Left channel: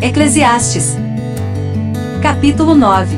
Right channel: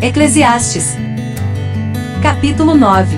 Eclesiastes, capítulo 9.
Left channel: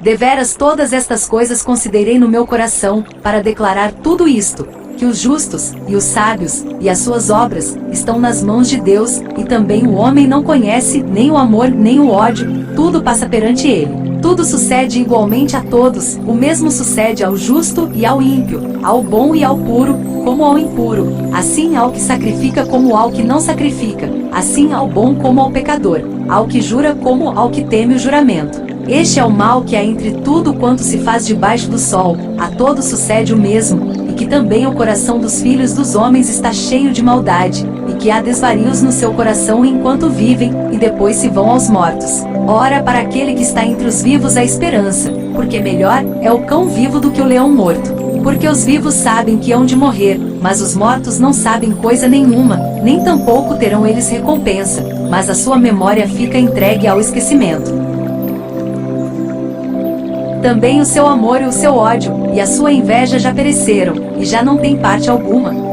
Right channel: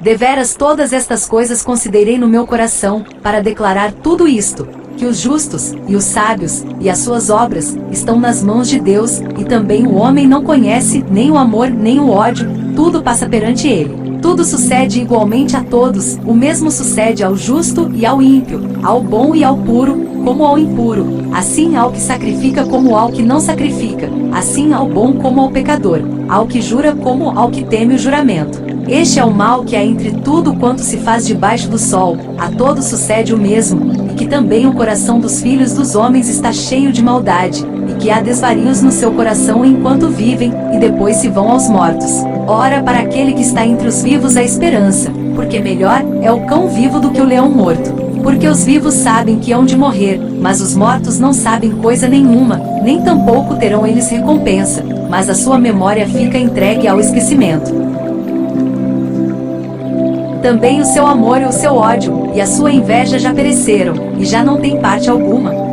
Deveras todas estas coisas considerei no meu coração, para declarar tudo isto, que os justos, e os sábios, e as suas obras, estão nas mãos de Deus, e também o homem não conhece, nem o amor, nem o ódio, tudo passa perante ele. Tudo sucede igualmente a todos, o mesmo sucede ao justo e ao ímpio, ao bom e ao puro, como ao impuro, assim ao que sacrifica como ao que não sacrifica, assim ao bom como ao pecador, ao que jura como ao que teme o juramento. Este é o mal que há entre tudo quanto se faz debaixo do sol, a todos sucede o mesmo, e que também o coração dos filhos dos homens está cheio de maldade, e que há desvarios no seu coração enquanto vivem, e depois se vão aos mortos. Ora, para aquele que está entre os vivos há esperança, porque melhor é o cão vivo do que o leão morto. Porque os vivos sabem que hão de morrer, mas os mortos não sabem coisa nenhuma, nem tampouco terão eles recompensa, mas a sua memória fica entregue ao esquecimento. Também o seu amor e o seu ódio, e a sua inveja já pereceram, e já não tem parte alguma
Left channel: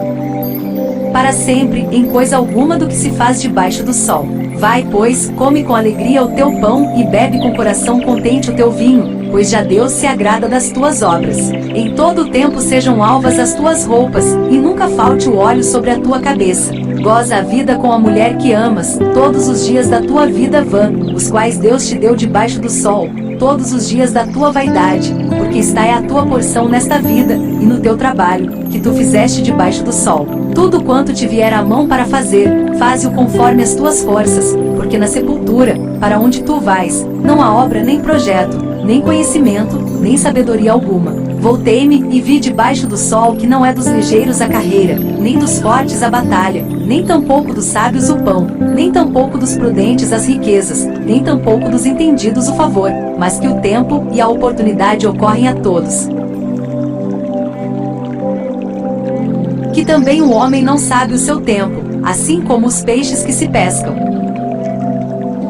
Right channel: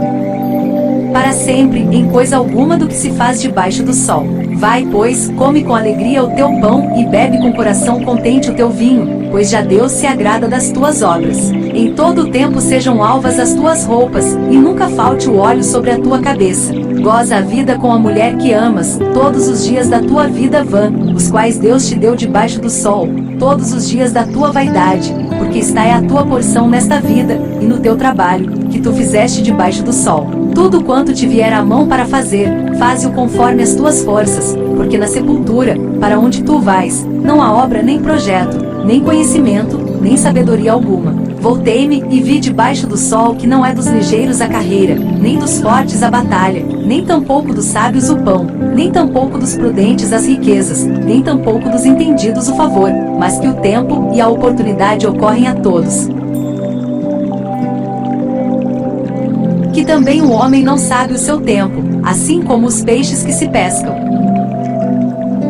para sempre, em coisa alguma do que se faz debaixo do sol. Vai, pois, come com alegria o teu pão, e bebe com coração contente o teu vinho, pois já Deus se agrada das tuas obras. Em todo o tempo sejam alvas as tuas roupas, e nunca falte o óleo sobre a tua cabeça. Goza a vida com a mulher que amas, todos os dias da tua vida vã, os quais Deus te deu debaixo do sol, todos os dias da tua vaidade, porque está é a tua porção nesta vida, e no teu trabalho, que tu fizeste debaixo do sol. Tudo quanto te vier à mão para fazer, faze-o conforme as tuas forças, porque na sepultura, para onde tu vais, não há obra nem projeto, nem conhecimento, nem sabedoria alguma. Voltei-me e vi debaixo do sol que não é dos ligeiros a carreira, nem dos fortes a batalha, nem tampouco dos sábios o pão, nem tampouco dos prudentes as riquezas, nem tampouco dos entendidos o favor, mas que o tempo e a oportunidade ocorrem a todos. Que também o homem não sabe o seu tempo, assim como os peixes que se pescam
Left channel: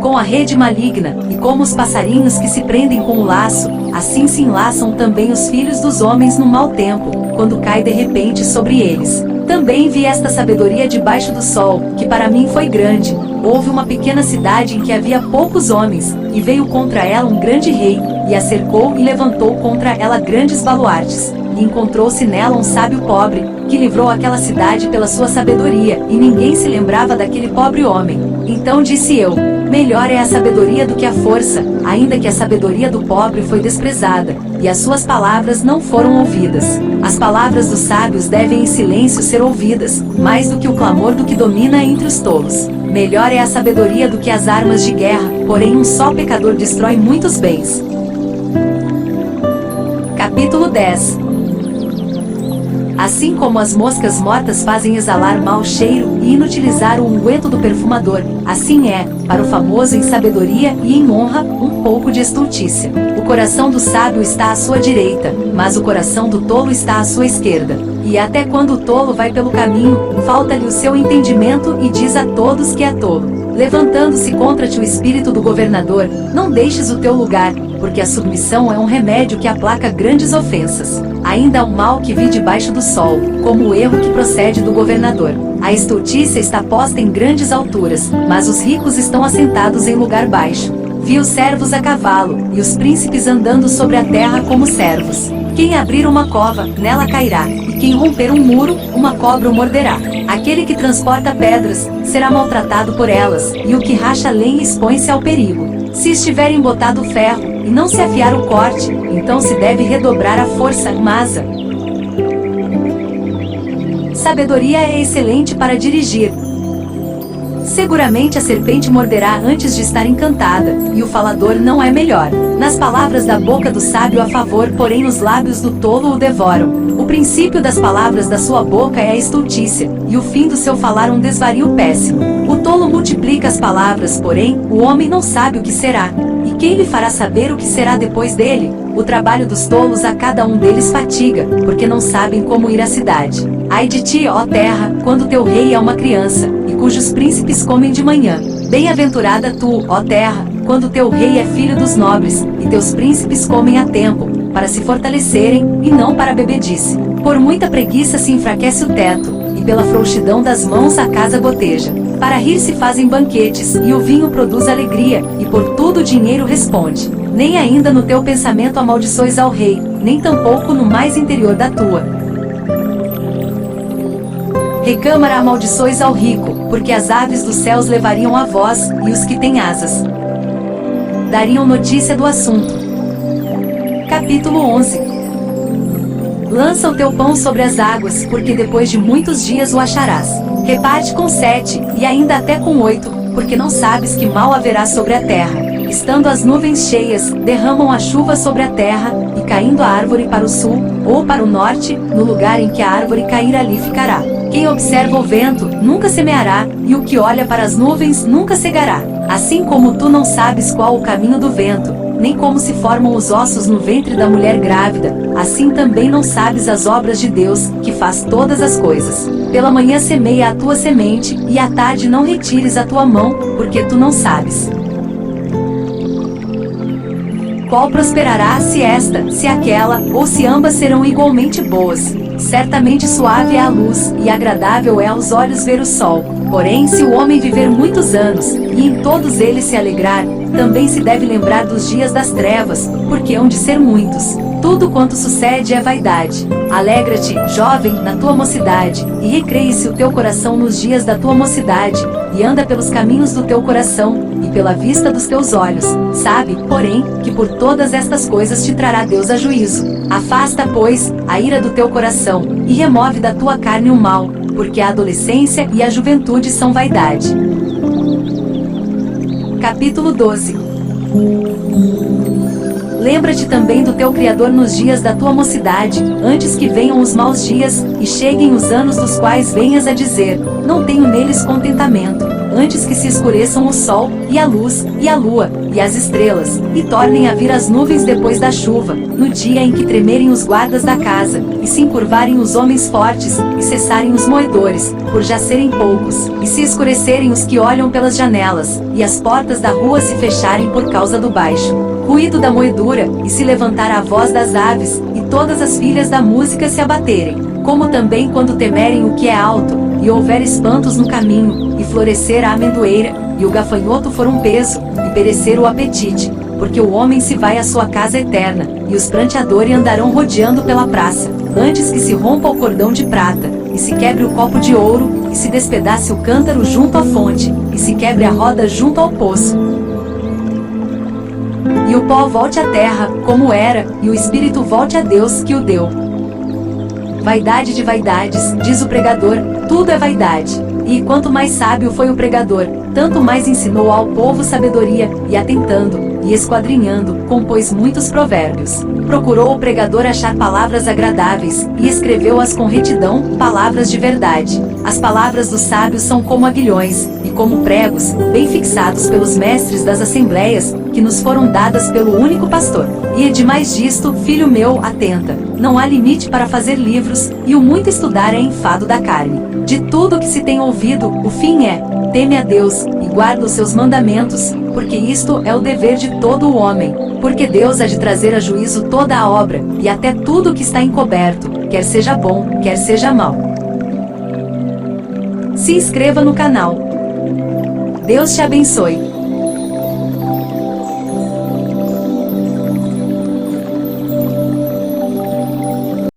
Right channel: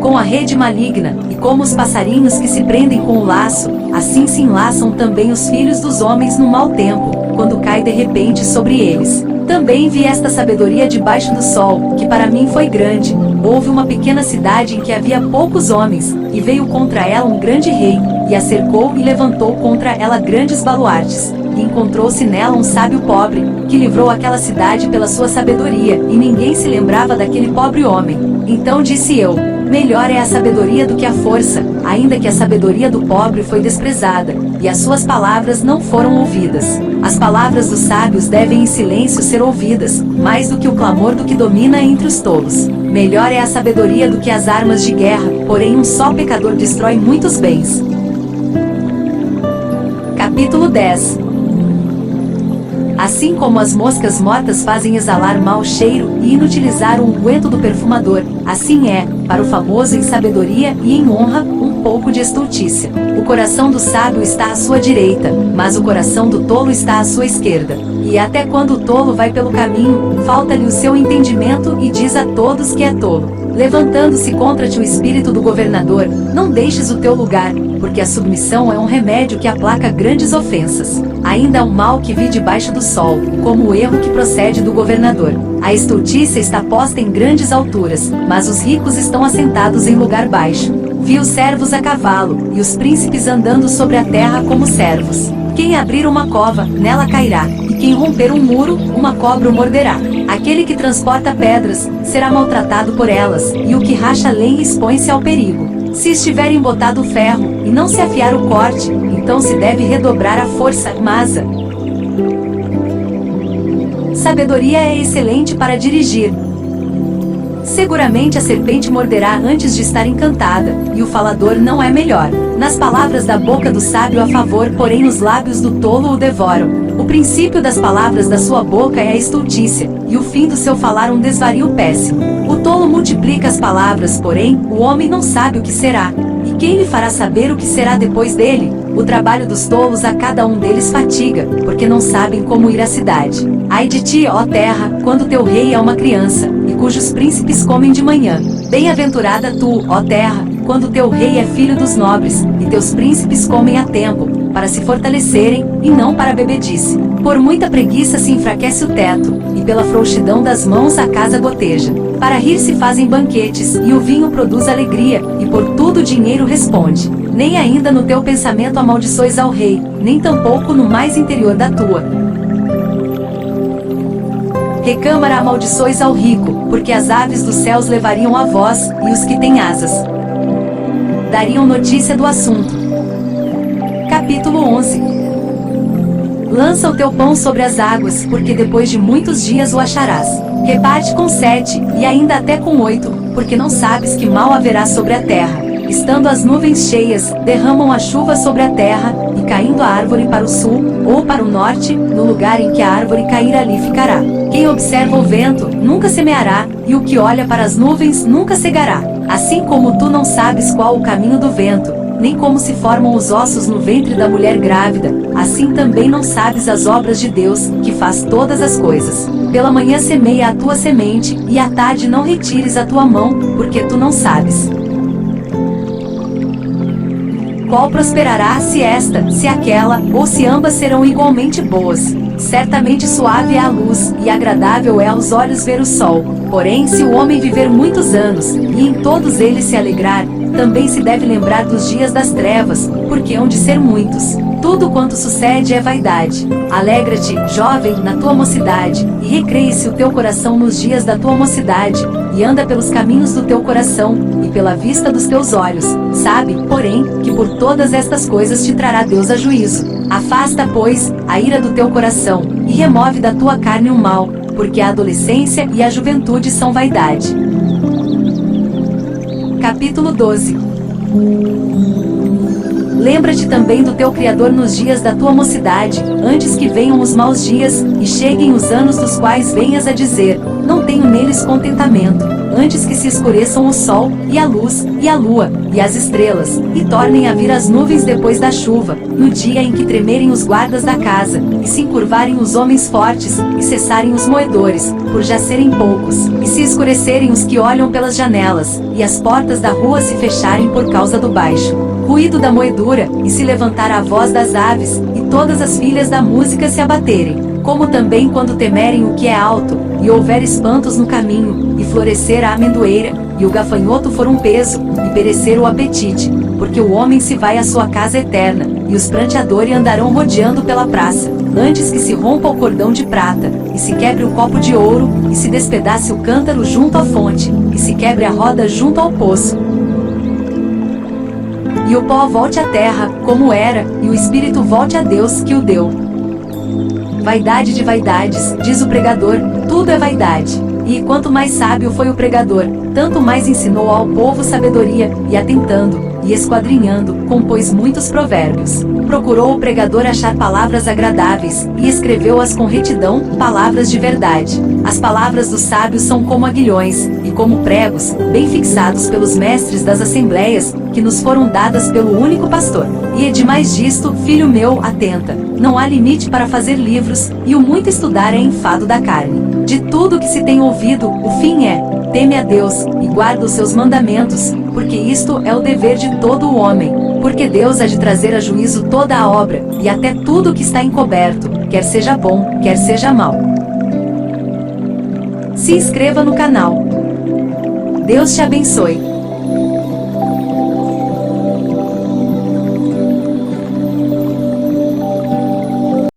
com a rede maligna, e como os passarinhos que se prendem com o laço, assim se enlaçam também os filhos dos homens no mau tempo, quando cai de repente sobre eles. Também vi esta sabedoria debaixo do sol, que para mim foi grande. Houve uma pequena cidade em que havia poucos homens, e veio contra ela um grande rei, e a cercou e levantou contra ela grandes baluartes. E encontrou-se nela um sábio pobre, que livrou aquela cidade pela sua sabedoria, e ninguém se lembrava daquele pobre homem. Então disse eu: melhor é a sabedoria do que a força, ainda que a sabedoria do pobre foi desprezada, e as suas palavras não foram ouvidas. As palavras dos sábios devem em silêncio ser ouvidas, mais do que o clamor do que domina entre os tolos. Melhor é a sabedoria do que as armas de guerra, porém um só pecador destrói muitos bens. Capítulo 10. Assim como as moscas mortas fazem exalar mau cheiro e inutilizar o unguento do perfumador, assim é, para o famoso em sabedoria e em honra, um pouco de estultícia. O coração do sábio está à sua direita, mas o coração do tolo está à sua esquerda. E até quando o tolo vai pelo caminho, falta-lhe o seu entendimento e diz a todos que é tolo. Levantando-se contra ti o espírito do governador, não deixes o teu lugar, porque a submissão é um remédio que aplaca grandes ofensas. Ainda há um mal que vi debaixo do sol, como o erro que procede do governador. A estultícia está posta em grandes alturas, mas os ricos estão assentados em lugar baixo. Vi os servos a cavalo, e os príncipes andando sobre a terra como servos. Quem abrir uma cova, nela cairá, e quem romper um muro, uma cobra o morderá. Aquele que transporta pedras, será maltratado por elas, e o que racha lenha expõe-se ao perigo. Se estiver embotado o ferro, e não se afiar o corte, então se deve redobrar a força, masa. Sabedoria é excelente para dirigir. Seguramente a serpente morderá antes de estar encantada, e o falador não é melhor. Nas palavras da boca do sábio há favor, porém os lábios do tolo o devoram. O princípio das palavras da sua boca é a estultícia, e o fim do seu falar um desvario péssimo. O tolo multiplica as palavras, porém, o homem não sabe o que será. E quem lhe fará saber o que será depois dele? O trabalho dos tolos a cada um deles fatiga, porque não sabem como ir à cidade. Ai de ti, ó terra, quando teu rei é uma criança, e cujos príncipes comem de manhã. Bem-aventurada tu, ó terra, quando teu rei é filho dos nobres, e teus príncipes comem a tempo, para se fortalecerem, e não para bebedice. Por muita preguiça se enfraquece o teto, e pela frouxidão das mãos a casa goteja. Para rir se fazem banquetes, e o vinho produz alegria, e por tudo o dinheiro responde. Nem ainda no teu pensamento amaldiçoes ao rei, nem tampouco no mais interior da tua recâmara amaldiçoes ao rico, porque as aves dos céus levariam a voz, e os que têm asas dariam notícia do assunto. Capítulo 11. Lança o teu pão sobre as águas, porque depois de muitos dias o acharás. Reparte com 7, e ainda até com 8, porque não sabes que mal haverá sobre a terra. Estando as nuvens cheias, derramam a chuva sobre a terra, e caindo a árvore para o sul, ou para o norte, no lugar em que a árvore cair ali ficará. Quem observa o vento, nunca semeará, e o que olha para as nuvens, nunca cegará. Assim como tu não sabes qual o caminho do vento, nem como se formam os ossos no ventre da mulher grávida, assim também não sabes as obras de Deus, que faz todas as coisas. Pela manhã semeia a tua semente, e à tarde não retires a tua mão, porque tu não sabes qual prosperará, se esta, se aquela, ou se ambas serão igualmente boas. Certamente suave é a luz, e agradável é aos olhos ver o sol. Porém, se o homem viver muitos anos, e em todos eles se alegrar, também se deve lembrar dos dias das trevas, porque hão de ser muitos. Tudo quanto sucede é vaidade. Alegra-te, jovem, na tua mocidade, e recreie-se o teu coração nos dias da tua mocidade, e anda pelos caminhos do teu coração, e pela vista dos teus olhos. Sabe, porém, que por todas estas coisas te trará Deus a juízo. Afasta, pois, a ira do teu coração, e remove da tua carne o mal, porque a adolescência e a juventude são vaidade. Capítulo 12. Lembra-te também do teu Criador nos dias da tua mocidade, antes que venham os maus dias, e cheguem os anos dos quais venhas a dizer, não tenho neles contentamento, antes que se escureçam o sol, e a luz, e a lua, e as estrelas, e tornem a vir as nuvens depois da chuva, no dia em que tremerem os guardas da casa, e se encurvarem os homens fortes, e cessarem os moedores, por já serem poucos, e se escurecerem os que olham pelas janelas, e as portas da rua se fecharem por causa do baixo ruído da moedura, e se levantar a voz das aves, e todas as filhas da música se abaterem, como também quando temerem o que é alto, e houver espantos no caminho, e florescer a amendoeira, e o gafanhoto for um peso, e perecer o apetite, porque o homem se vai à sua casa eterna, e os pranteadores andarão rodeando pela praça, antes que se rompa o cordão de prata, e se quebre o copo de ouro, e se despedace o cântaro junto à fonte, e se quebre a roda junto ao poço. E o pó volte à terra, como era, e o espírito volte a Deus que o deu. Vaidade de vaidades, diz o pregador, tudo é vaidade. E quanto mais sábio foi o pregador, tanto mais ensinou ao povo sabedoria, e atentando, e esquadrinhando, compôs muitos provérbios. Procurou o pregador achar palavras agradáveis, e escreveu-as com retidão, palavras de verdade. As palavras dos sábios são como aguilhões, e como pregos, bem fixados pelos mestres das assembleias, que nos foram dadas pelo único pastor. E é demais disto, filho meu, atenta. Não há limite para fazer livros, e o muito estudar é enfado da carne. De tudo que se tem ouvido, o fim é, teme a Deus, e guarda os seus mandamentos, porque isto é o dever de todo o homem. Porque Deus há de trazer a juízo toda a obra, e até tudo que está encoberto, quer seja bom, quer seja mau. Se inscreva no canal. Deus te abençoe.